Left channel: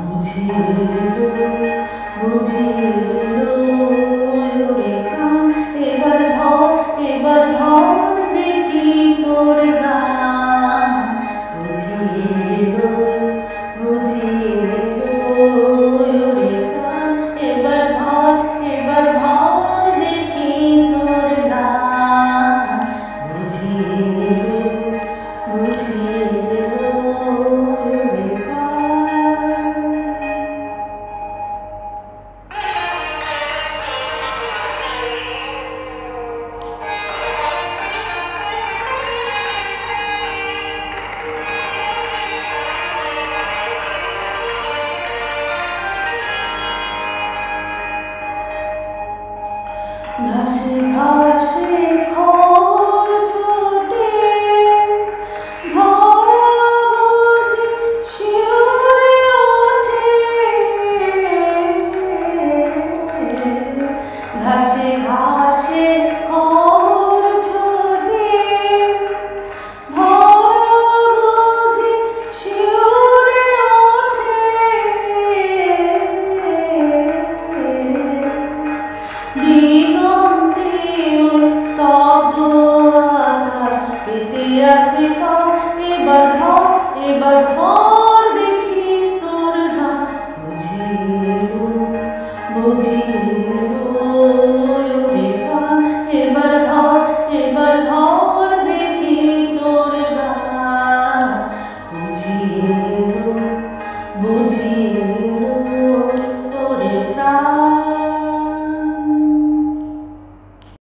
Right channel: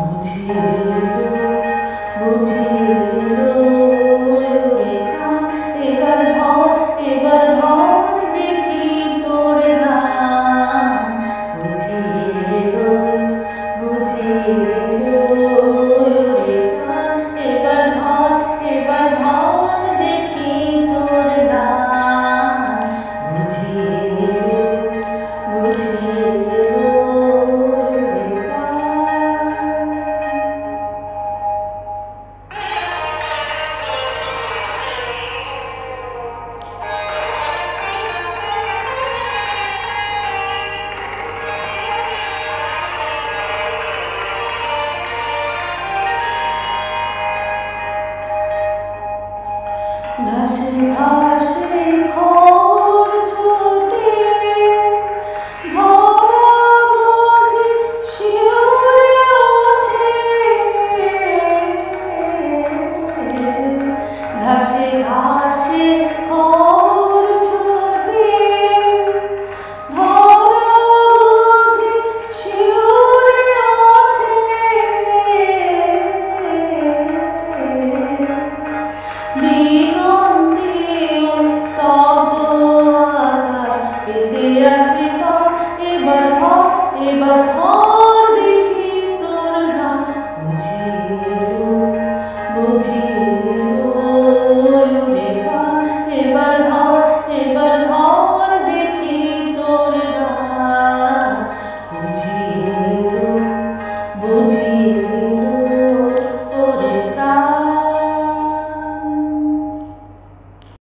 বুঝে এলো বুঝে এলো রে কান, এবার ধর দেখি তোর গান। বুঝে এলো রে কান, এবার ধর দেখি তোর গান। বুঝে এলো রে কান। ঘাসে ঘাসে খবর ছোটে, ধরা বুঝি শিউরে ওঠে। ঘাসে ঘাসে খবর ছোটে, ধরা বুঝি শিউরে ওঠে। দিগন্তেও স্তব্ধ আকাশ পেতে আছে কান, এবার ধর